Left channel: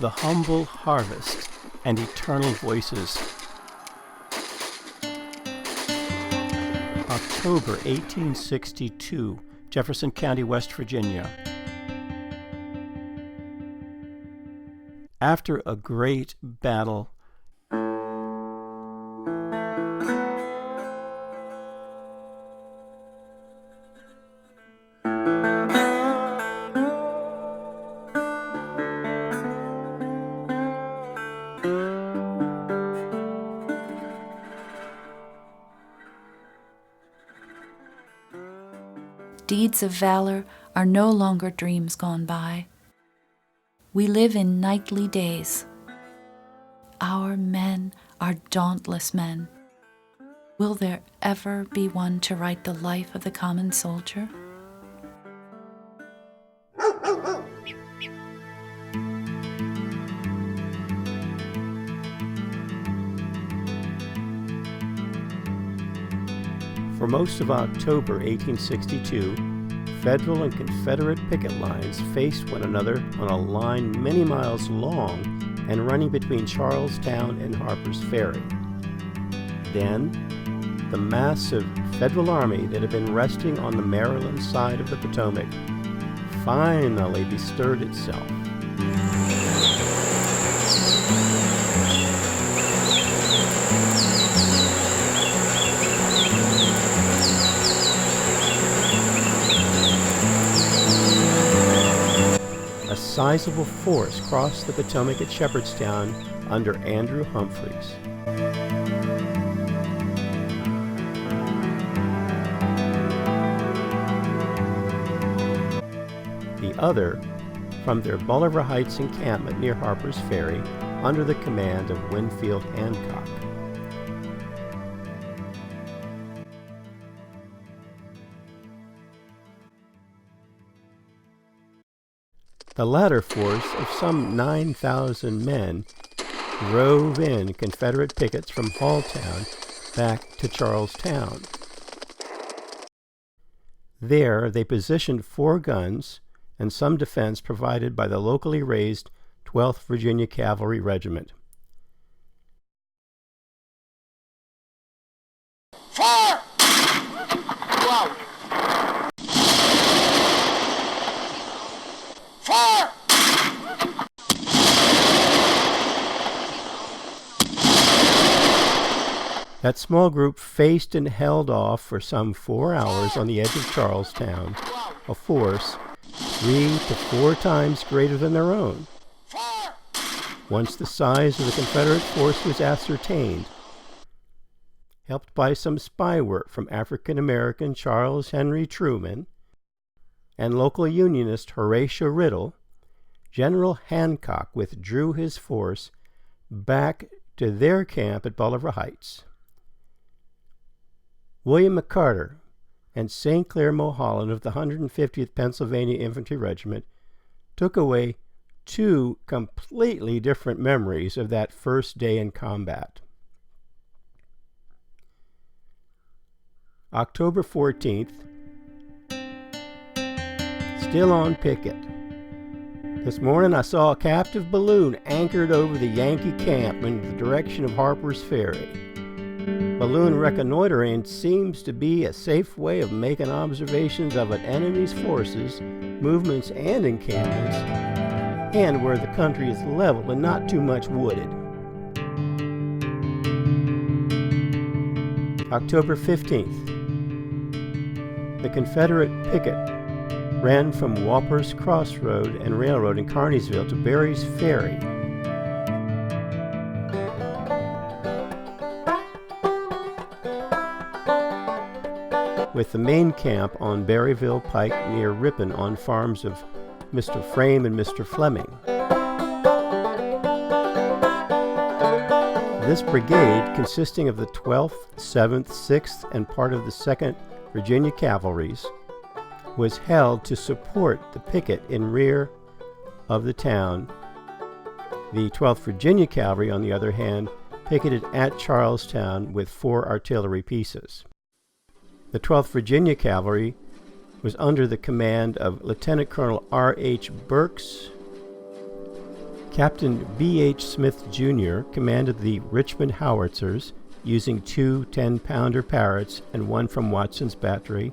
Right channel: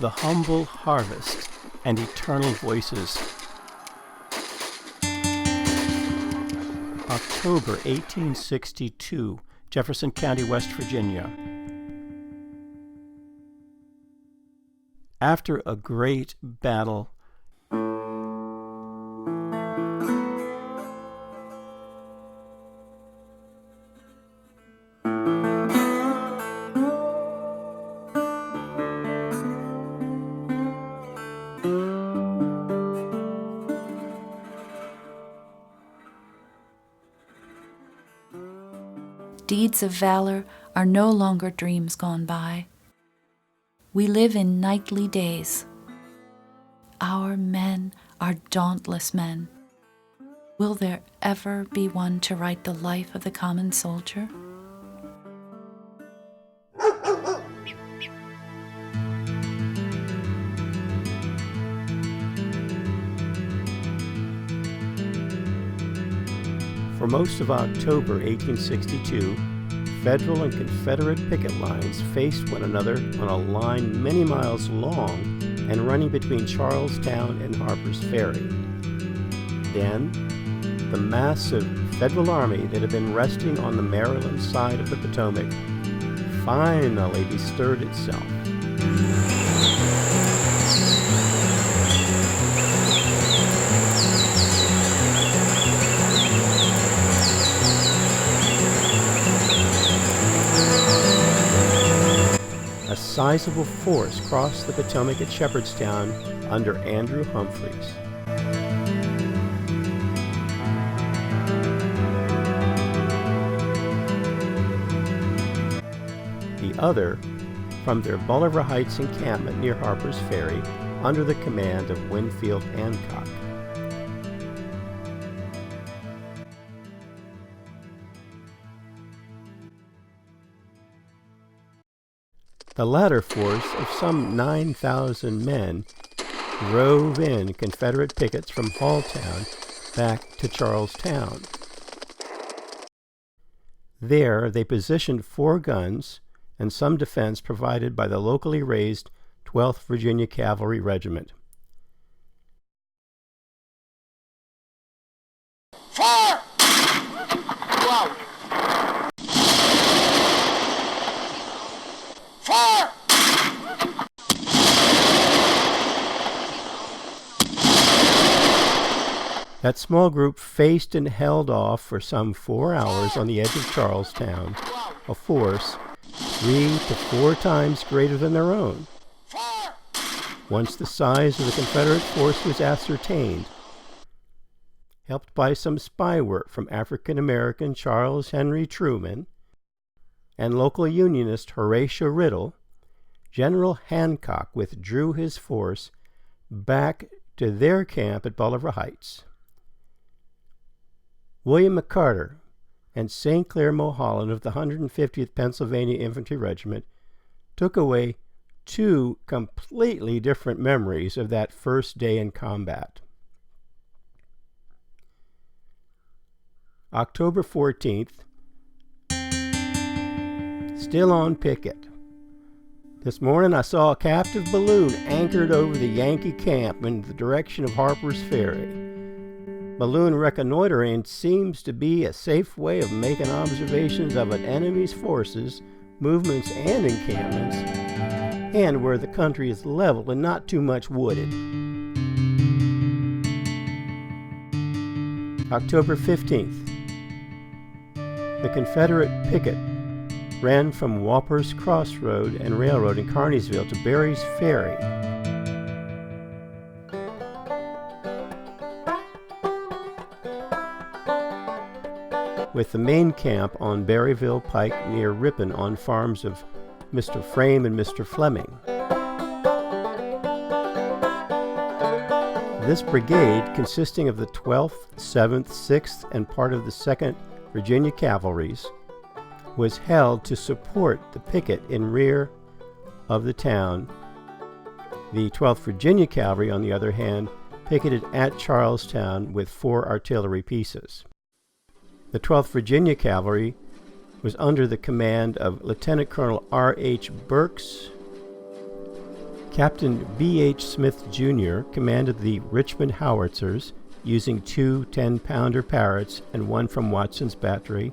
the humble harvest and eternal voices. October 1862, Jefferson County, West Virginia. After a great battle, deeds of valor are no longer dreams gone by. We live in nightly days. Our men are dauntless men. Will there ever be one to write the life of the common soldier? For most of October 1862, Federal and Confederate picket lines faced one another on a line many miles long and running between Charlestown and Harpers Ferry. Then, the massive Federal army that had been resting on the Maryland side of the Potomac finally bestirred itself. A sizable force crossed the Potomac at Shepherdstown under Andrew Humphreys. The other from their Bolivar Heights encampment near Harpers Ferry under the command of Winfield Hancock. The latter force of some 9,000 men drove in Confederate pickets from Halltown back to Charlestown. There they positioned 4 guns and some defense provided by the locally raised 12th Virginia Cavalry Regiment. Fire! Wow! Fire! That small group faced and held off for some 4 hours on the edge of Charlestown, a force 3 to 4 times greater than their own. Once the size of the Confederate force was ascertained, helped by some spy work from African-American Charles Henry Truman and local Unionist Horatio Riddle, General Hancock withdrew his force back to their camp at Bolivar Heights. William McCarter and St. Clair Mulholland of the 150th Pennsylvania Infantry Regiment took away 2 completely different memories of that first day in combat. October 14th, still on picket. This morning I saw a captive balloon anchored over the Yankee camp in the direction of Harpers Ferry. Balloon reconnoitering seems to be a safe way of making observations of an enemy's forces, movements, and encampments, and where the country is level and not too much wooded. October 15th. The Confederate picket ran from Walper's Crossroad and Railroad in Kearneysville to Berry's Ferry. With the main camp on Berryville Pike near Ripon on farms of Mr. Frame and Mr. Fleming. This brigade, consisting of the 12th, 7th, 6th, and part of the 2nd Virginia Cavalries, was held to support the picket in rear of the town. The 12th Virginia Cavalry, on the other hand, picketed at Charlestown with 4 artillery pieces. The 12th Virginia Cavalry was under the command of Lieutenant Colonel R.H. Burks, Captain B.H. Smith, Jr. commanded the Richmond howitzers, using 2 10-pounder Parrotts and 1 from Watson's battery.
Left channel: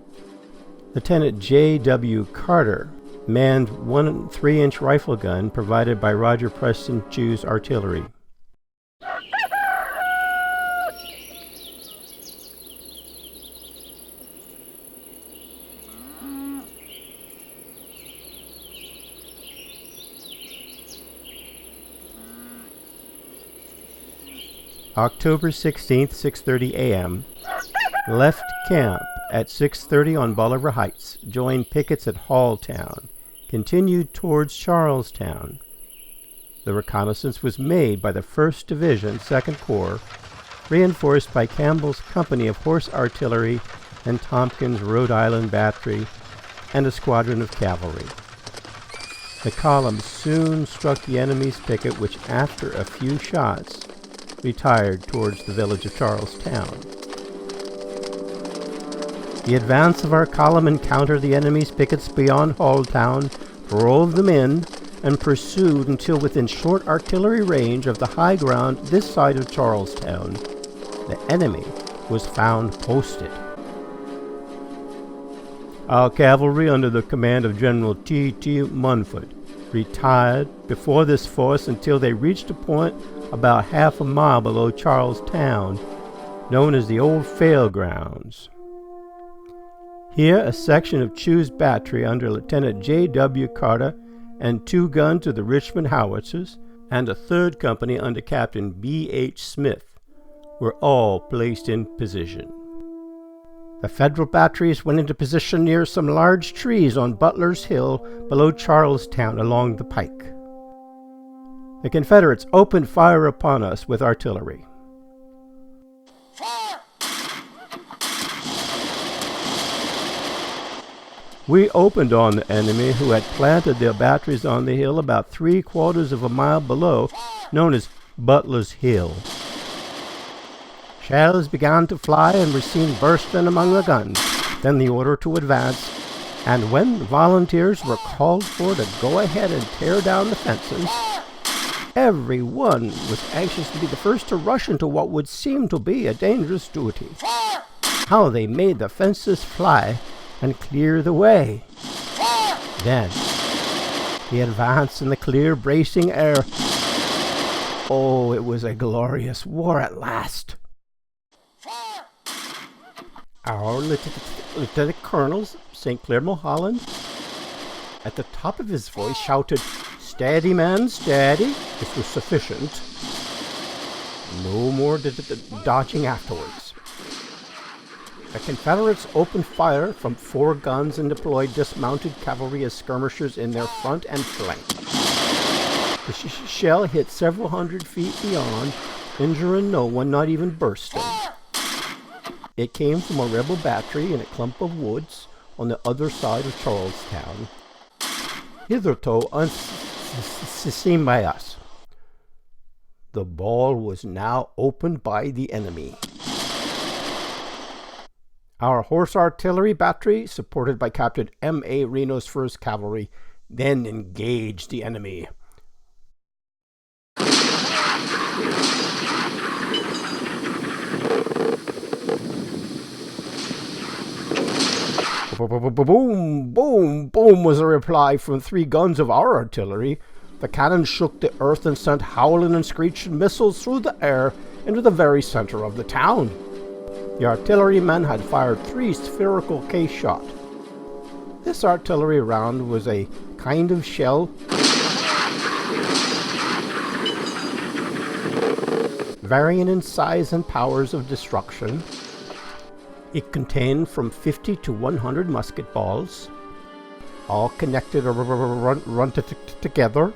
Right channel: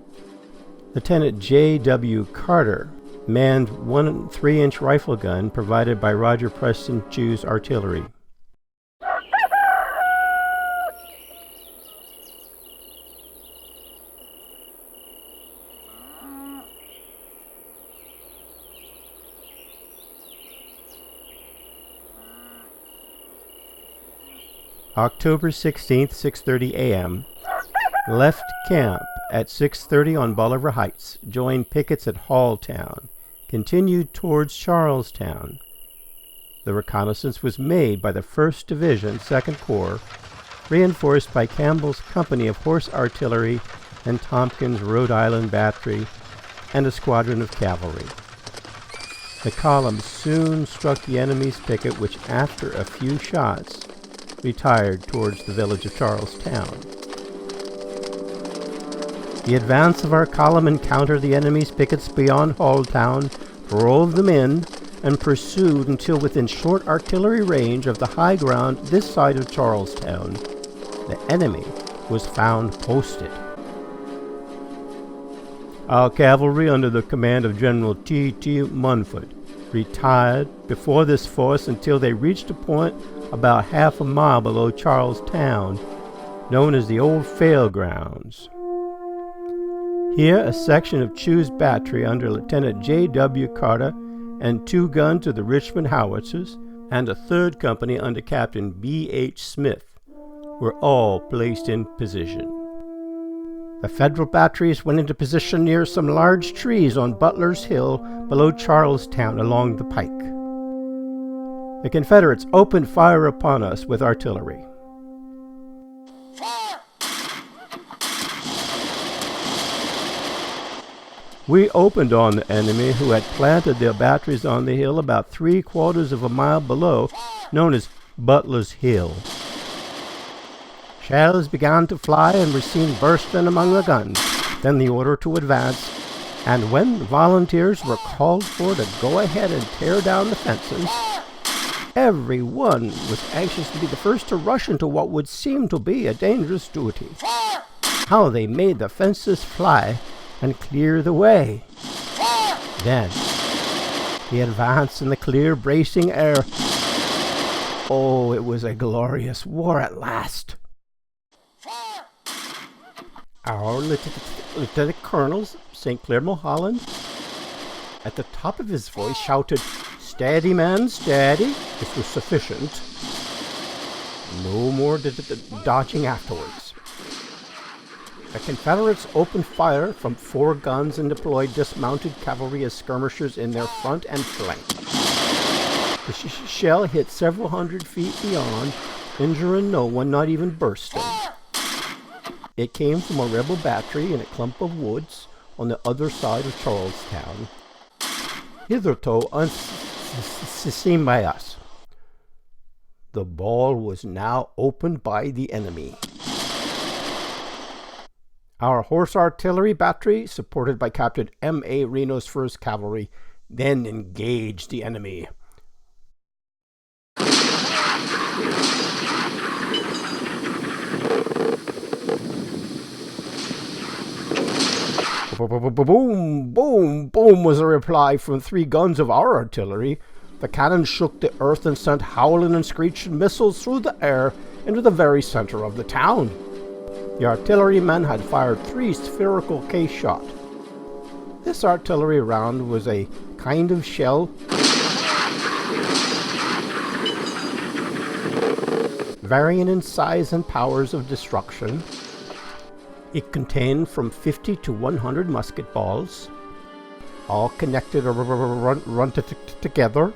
Lieutenant J.W. Carter manned 1 3-inch rifle gun provided by Roger Preston Chew's artillery. October 16th, 6:30 a.m. Left camp at 6:30 on Bolivar Heights. Joined pickets at Halltown. Continued towards Charlestown. The reconnaissance was made by the 1st Division, 2nd Corps, reinforced by Campbell's company of horse artillery and Tompkins' Rhode Island battery, and a squadron of cavalry. The column soon struck the enemy's picket, which, after a few shots, retired towards the village of Charlestown. The advance of our column encountered the enemy's pickets beyond Halltown, drove them in, and pursued until within short artillery range of the high ground this side of Charlestown. The enemy was found posted. Our cavalry, under the command of General T.T. Munford, retired before this force until they reached a point about half a mile below Charlestown, known as the Old Fairgrounds. Here, a section of Chew's battery under Lieutenant J.W. Carter and 2 guns of the Richmond howitzers, and a 3rd company under Captain B.H. Smith, were all placed in position. The Federal batteries went into position near some large trees on Butler's Hill below Charlestown along the pike. The Confederates opened fire upon us with artillery. Fire! We opened on the enemy, who had planted their batteries on the hill about 3/4 of a mile below, known as Butler's Hill. Shells began to fly and were seen bursting among the guns. Then the order to advance, and when the volunteers were called for to go ahead and tear down the fences, every one was anxious to be the first to rush into what would seem to be a dangerous duty. Fire! How they made the fences fly and clear the way. Fire! Then, the advance in the clear, bracing air. Oh, it was a glorious war at last. Fire! Our Lieutenant Colonel, St. Clair Mulholland, at the top of his voice, shouted, "Steady, men, steady." This was sufficient. No more dodging afterwards. The Confederates opened fire from 4 guns and deployed dismounted cavalry as skirmishers in their front and flank. The shell hit several hundred feet beyond, injuring no one, not even bursting. It came from a rebel battery in a clump of woods on the other side of Charlestown, hitherto unseen by us. The ball was now opened by the enemy. Our horse artillery battery, supported by Captain M.A. Reno's 1st Cavalry, then engaged the enemy. Boom, boom, boom was the reply from 3 guns of our artillery. The cannon shook the earth and sent howling and screeching missiles through the air into the very center of the town. The artillerymen had fired 3 spherical case shot. This artillery round was a kind of shell varying in size and powers of destruction. It contained from 50 to 100 musket balls, all connected or run together,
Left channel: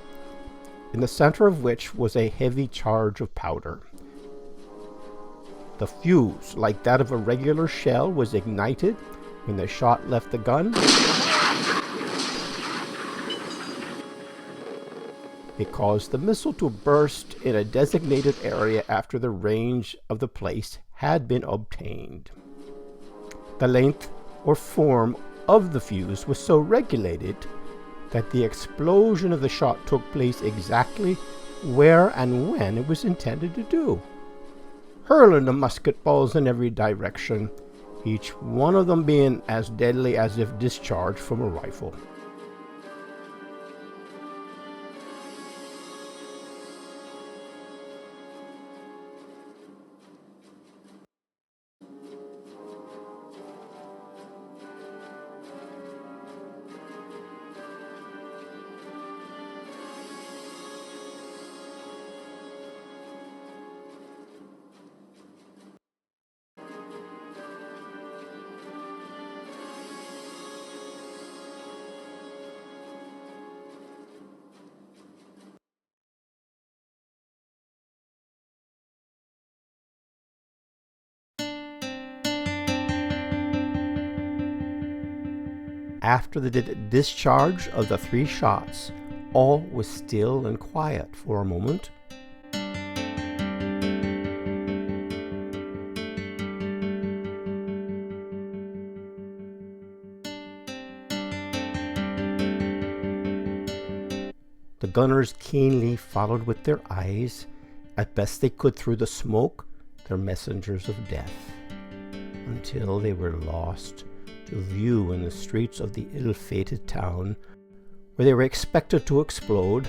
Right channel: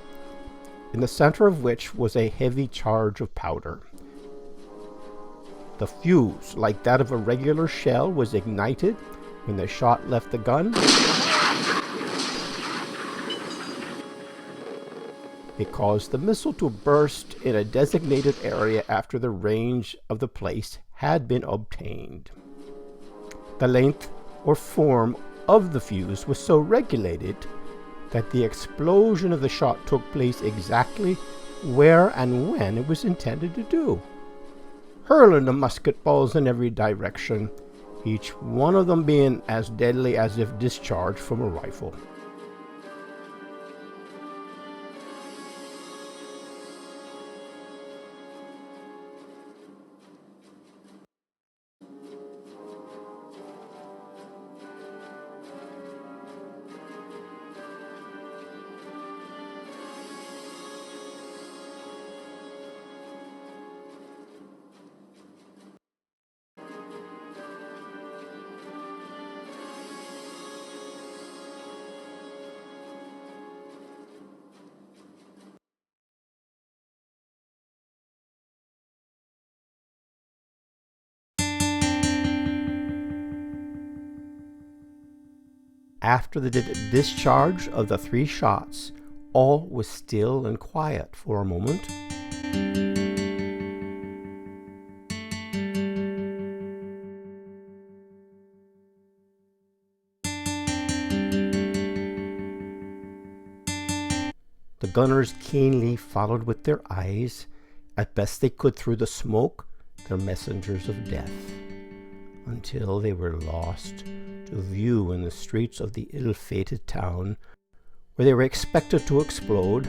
in the center of which was a heavy charge of powder. The fuse, like that of a regular shell, was ignited when the shot left the gun. It caused the missile to burst in a designated area after the range of the place had been obtained. The length or form of the fuse was so regulated that the explosion of the shot took place exactly where and when it was intended to do, hurling the musket balls in every direction, each one of them being as deadly as if discharged from a rifle. After the discharge of the 3 shots, all was still and quiet for a moment. The gunners keenly followed with their eyes, as best they could through the smoke, their messengers of death, until they were lost to view in the streets of the ill-fated town where they were expected to explode.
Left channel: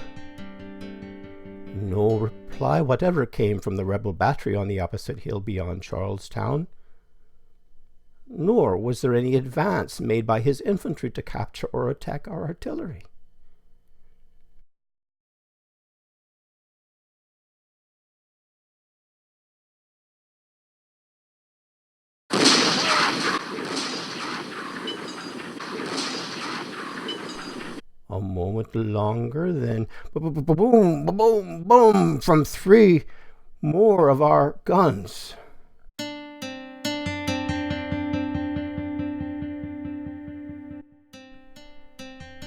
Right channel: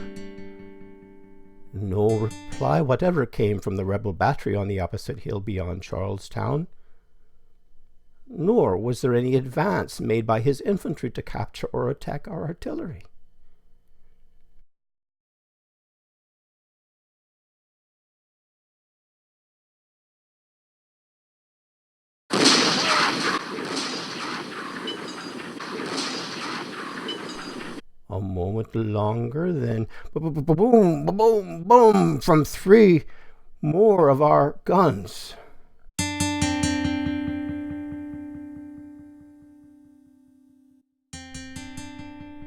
No reply whatever came from the rebel battery on the opposite hill beyond Charlestown, nor was there any advance made by his infantry to capture or attack our artillery. A moment longer, then boom, boom, boom from 3 more of our guns.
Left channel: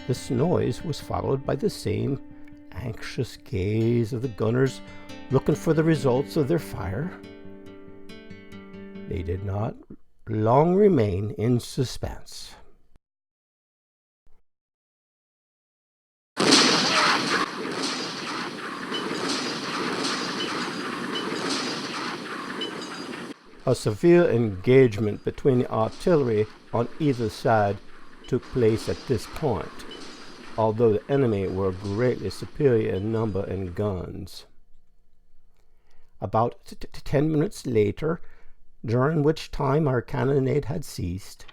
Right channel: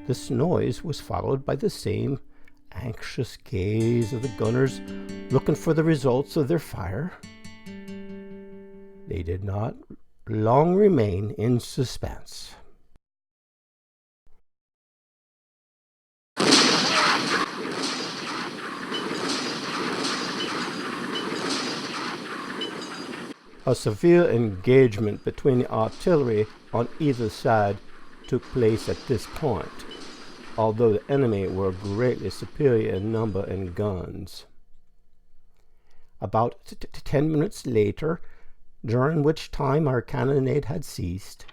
This noise was followed by the same anxious gaze of the gunners looking for the results of their fire. They did not long remain in suspense. A severe engagement between the artillery on either side took place at this point, although the enemy were greatly superior in number and guns. About 10 minutes later, during which time our cannonade had ceased,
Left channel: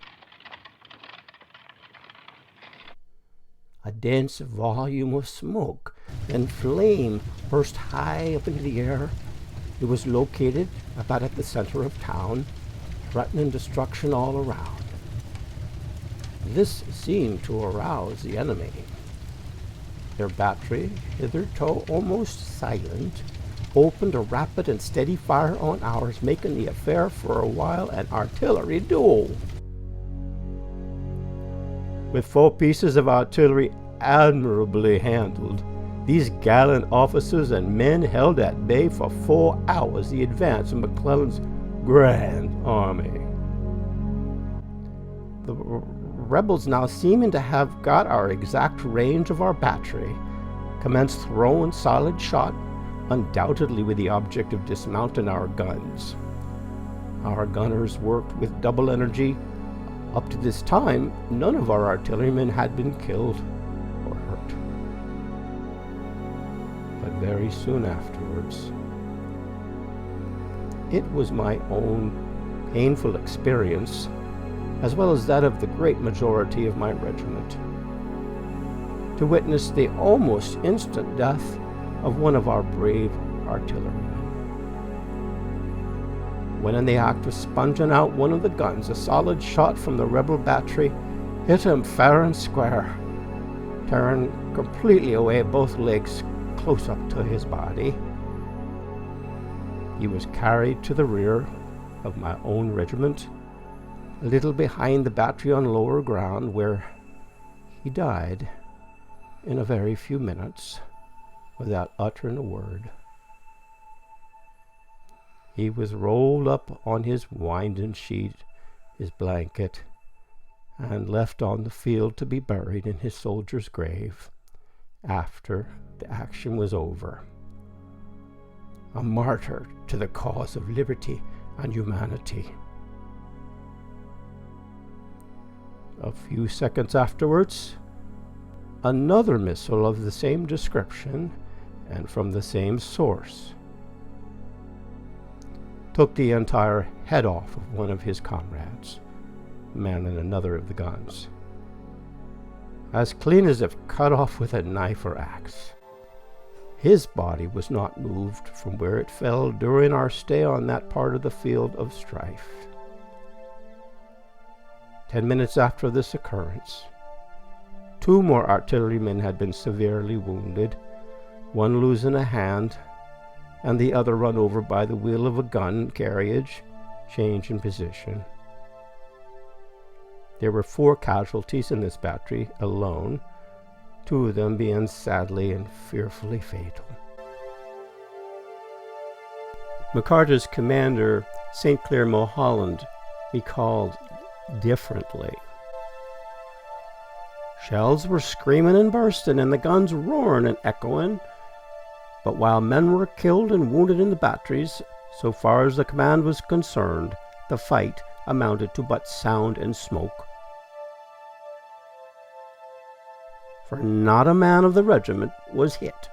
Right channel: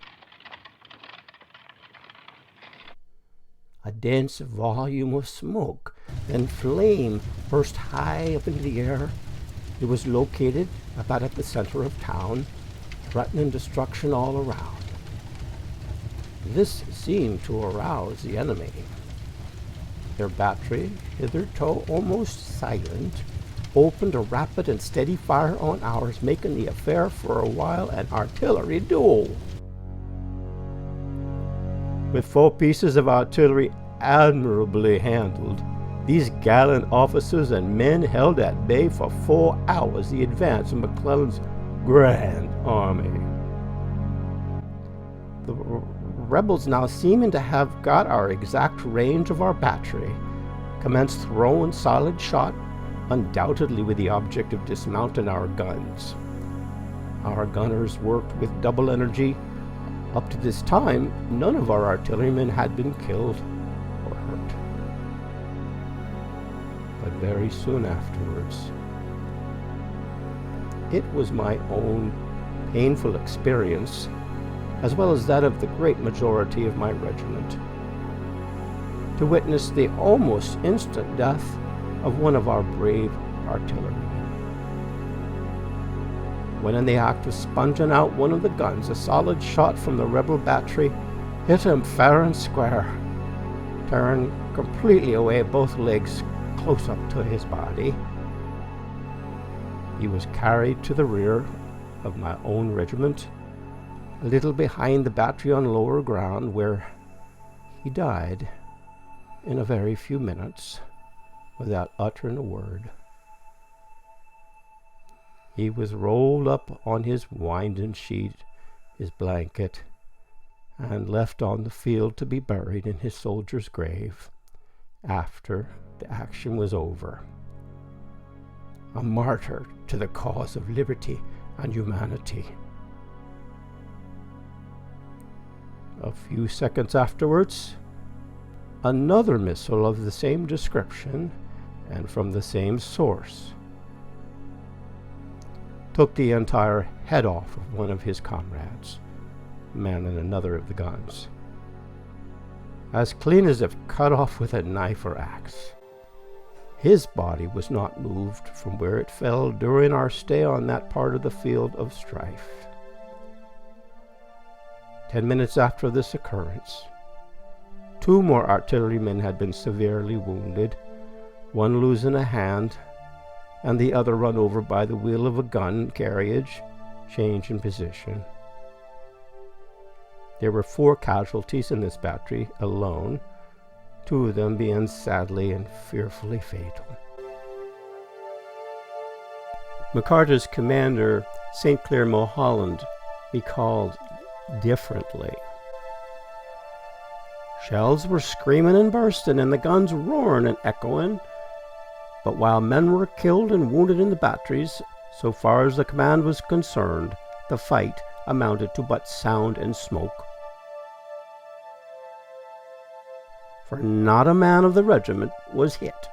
a dense volume of smoke and flame burst high up into the air. It was located about at the center of town, threatening destruction all around. This seemed to arouse the enemy. Their battery, hitherto almost silent, opened a rapid and steady fire on ours, making the affair for a while an artillery duel. With 4 pieces of artillery admirably handled, these gallant officers and men held at bay for 4 hours the advance of McClellan's grand army. The rebels, now seeming to have got our exact range of our battery, commenced throwing solid shot, undoubtedly with the object of dismounting our guns. Our gunners worked with double energy. Up to this time, none of our artillerymen had been killed or hurt. But very soon afterwards, it was my own painful experience, as well as that of the great majority of my regiment, to witness the almost instant death of one of our brave artillerymen. When in the act of sponging out one of the guns, a solid shot from the rebel battery hit him fair and square, tearing completely away both legs close up to his body. He was carried to the rear of my own regiment, a little behind the battery on lower ground, where he died in a very few minutes without uttering a word. He was rolled up on his winding sheet, his blanket, and left on the field to be buried in his soldier's grave after the action was over. A martyr to the cause of liberty and humanity. A few seconds afterwards, another missile of the same description and from the same source took the entire head off of one of his comrades, manning another of the guns, as clean as if cut off with a knife or axe. His body was not moved from where it fell during our stay on that part of the field of strife. 10 minutes after this occurrence, 2 more artillerymen had been severely wounded, one losing a hand and the other run over by the wheel of a gun carriage, change in position. There were 4 casualties in this battery alone, 2 of them being sadly and fearfully fatal. McCarter's commander, St. Clair Mulholland, recalled differently. Shells were screaming and bursting and the guns roaring and echoing, but while men were killed and wounded in the batteries, so far as the command was concerned, the fight amounted to but sound and smoke. For not a man of the regiment was hit.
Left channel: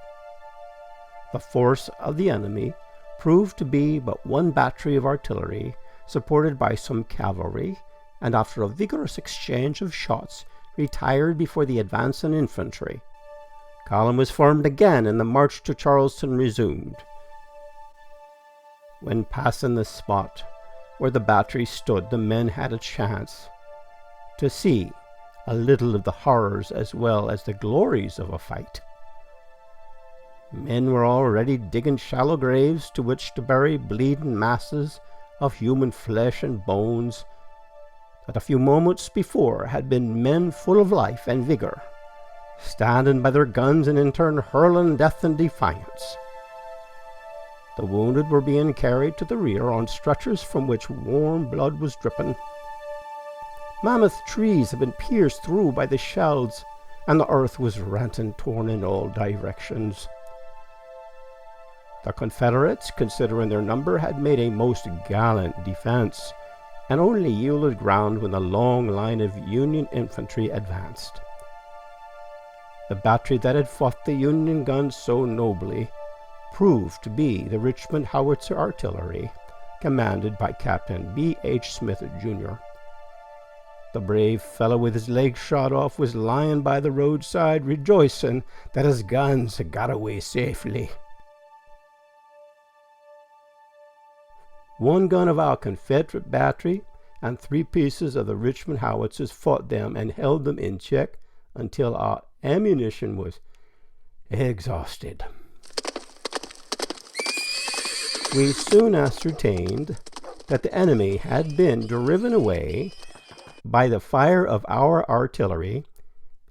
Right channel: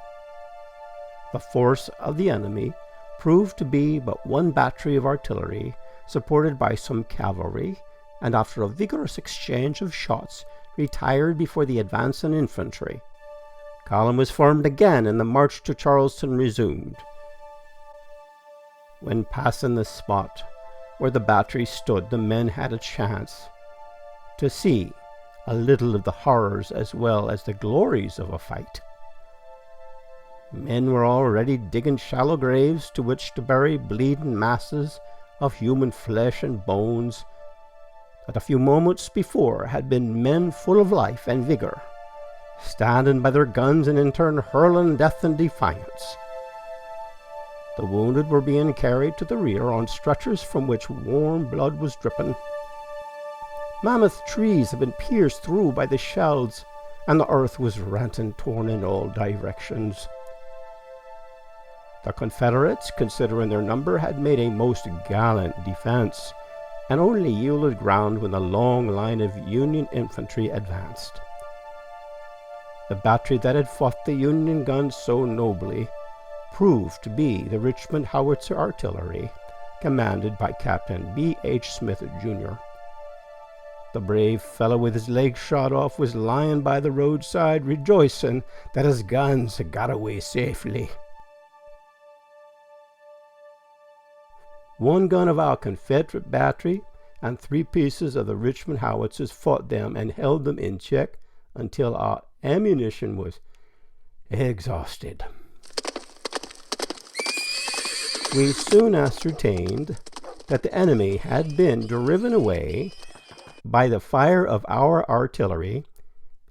The force of the enemy proved to be but 1 battery of artillery, supported by some cavalry, and after a vigorous exchange of shots, retired before the advancing infantry. Column was formed again, and the march to Charleston resumed. When passing the spot where the battery stood, the men had a chance to see a little of the horrors as well as the glories of a fight. Men were already digging shallow graves to which to bury bleeding masses of human flesh and bones that a few moments before had been men full of life and vigor, standing by their guns and in turn hurling death and defiance. The wounded were being carried to the rear on stretchers from which warm blood was dripping. Mammoth trees had been pierced through by the shells, and the earth was rent and torn in all directions. The Confederates, considering their number, had made a most gallant defense, and only yielded ground when the long line of Union infantry advanced. The battery that had fought the Union guns so nobly proved to be the Richmond Howitzer Artillery, commanded by Captain B. H. Smith, Jr. The brave fellow with his legs shot off was lying by the roadside, rejoicing that his guns had got away safely. 1 gun of our Confederate battery and 3 pieces of the Richmond howitzers fought them and held them in check until our ammunition was exhausted. We soon ascertained that the enemy had been driven away by the fire of our artillery,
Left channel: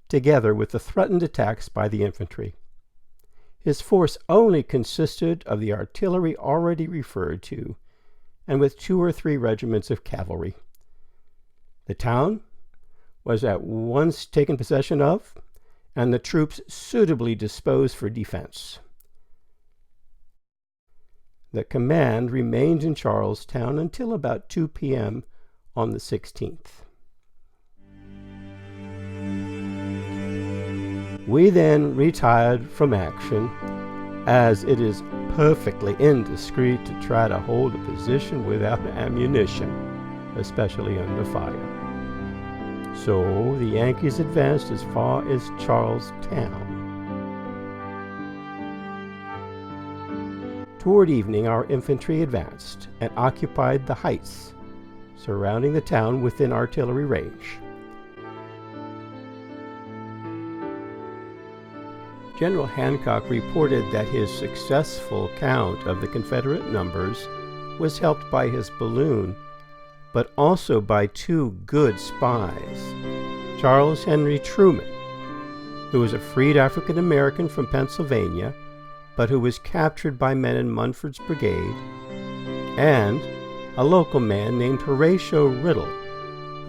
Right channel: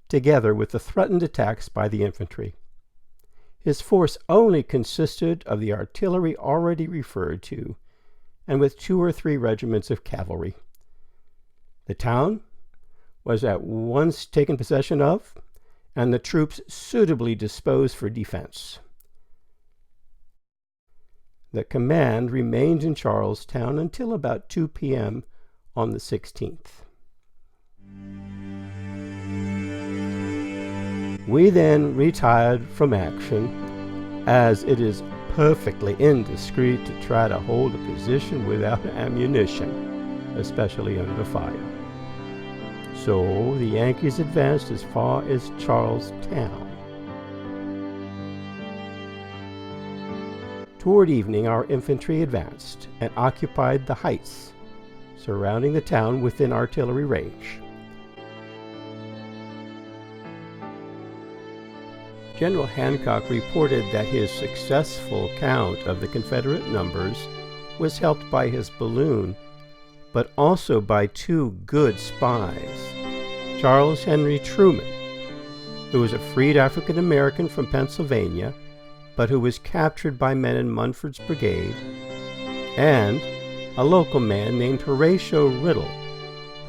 together with the threatened attacks by the infantry. His force only consisted of the artillery already referred to, and with 2 or 3 regiments of cavalry. The town was at once taken possession of, and the troops suitably disposed for defense. The command remained in Charlestown until about 2 p.m. on the 16th. We then retired from action, as it is perfectly indiscreet to try to hold a position without ammunition, especially under fire. So the Yankees advanced as far as Charlestown. Toward evening, our infantry advanced and occupied the heights surrounding the town within artillery range. General Hancock reported that his successful count of the Confederate numbers was helped by his balloon, but also by 2 good spies. Charles Henry Truman, who was a freed African American from Pennsylvania, but who was captured by men in Munford's brigade, and a local man named Horatio Riddle,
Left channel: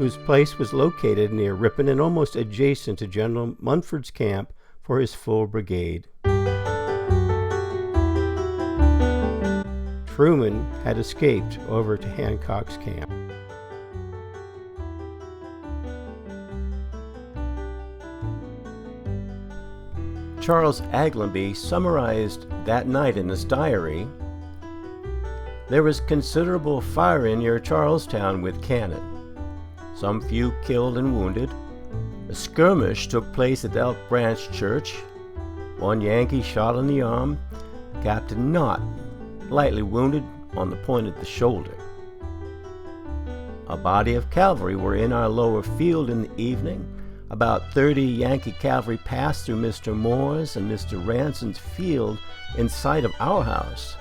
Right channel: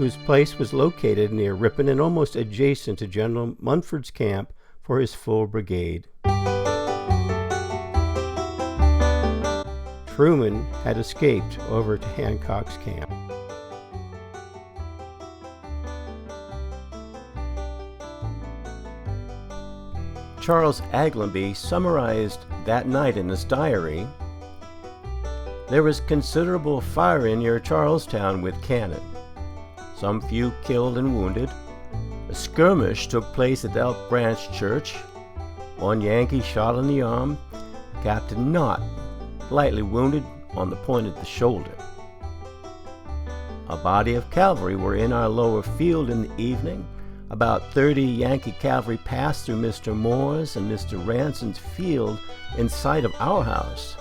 whose place was located near Ripon and almost adjacent to General Munford's camp for his full brigade. Truman had escaped over to Hancock's camp. Charles Aglionby summarized that night in his diary, "There was considerable firing near Charlestown with cannon. Some few killed and wounded. A skirmish took place at Elk Branch Church. One Yankee shot in the arm. Captain Knott lightly wounded on the point of the shoulder. A body of cavalry were in our lower field in the evening. About 30 Yankee cavalry passed through Mr. Moore's and Mr. Ranson's field in sight of our house.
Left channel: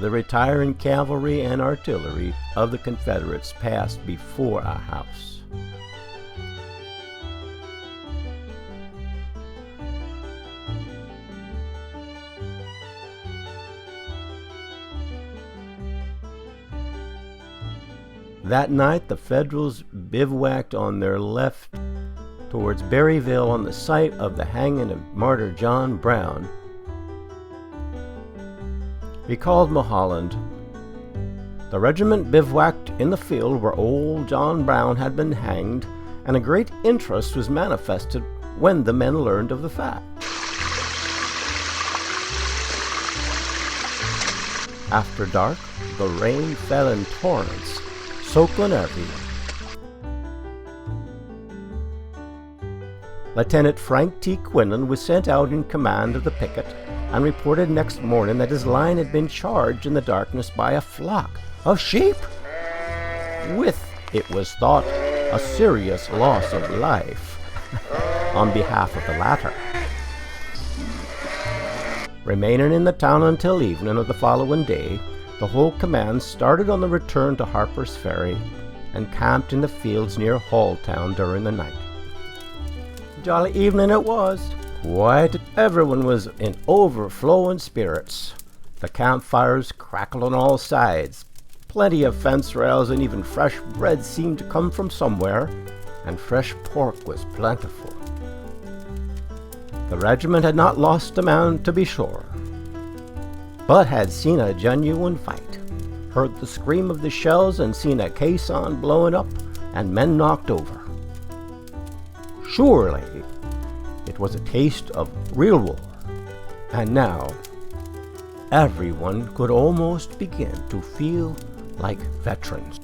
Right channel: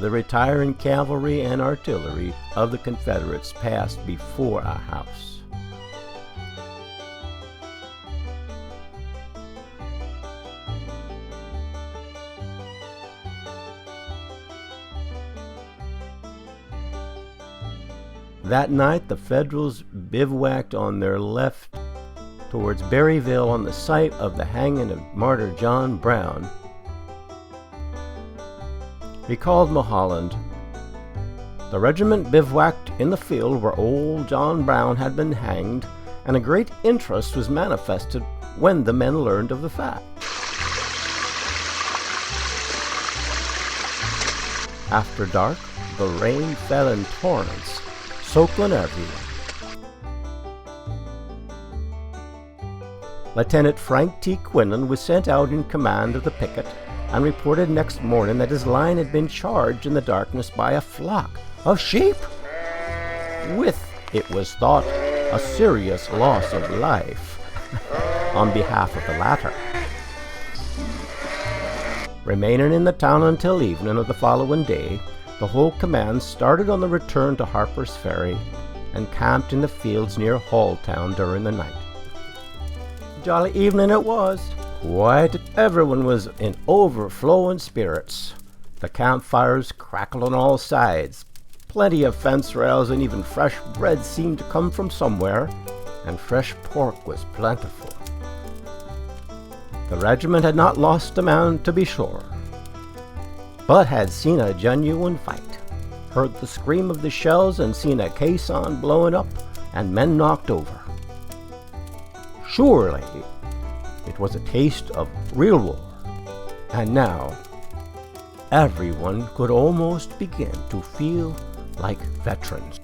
The retiring cavalry and artillery of the Confederates passed before our house." That night, the Federals bivouacked on their left towards Berryville on the site of the hanging of Martyr John Brown. Recalled Mulholland, "The regiment bivouacked in the field where old John Brown had been hanged, and a great interest was manifested when the men learned of the fact. After dark, the rain fell in torrents, soaking everywhere. Lieutenant Frank T. Quinlan was sent out in command of the picket and reported next morning that his line had been charged in the darkness by a flock of sheep, with, it was thought, a serious loss of life on behalf of the latter. Remaining in the town until evening of the following day, the whole command started on the return to Harpers Ferry and camped in the fields near Halltown during the night. Jolly evening it was. Quite everyone was in overflowing spirits. The campfires crackled on all sides. Plenty of fence rails and even fresh bread seemed to come from somewhere, and fresh pork was plentiful. The regiment had not lost a man, to be sure, but had seen a genuine fight, heard the scream of the shells, and seen a caisson blowing up and men knocked over. Surely it was a taste of real war, and now everyone could almost begin to feel like veterans.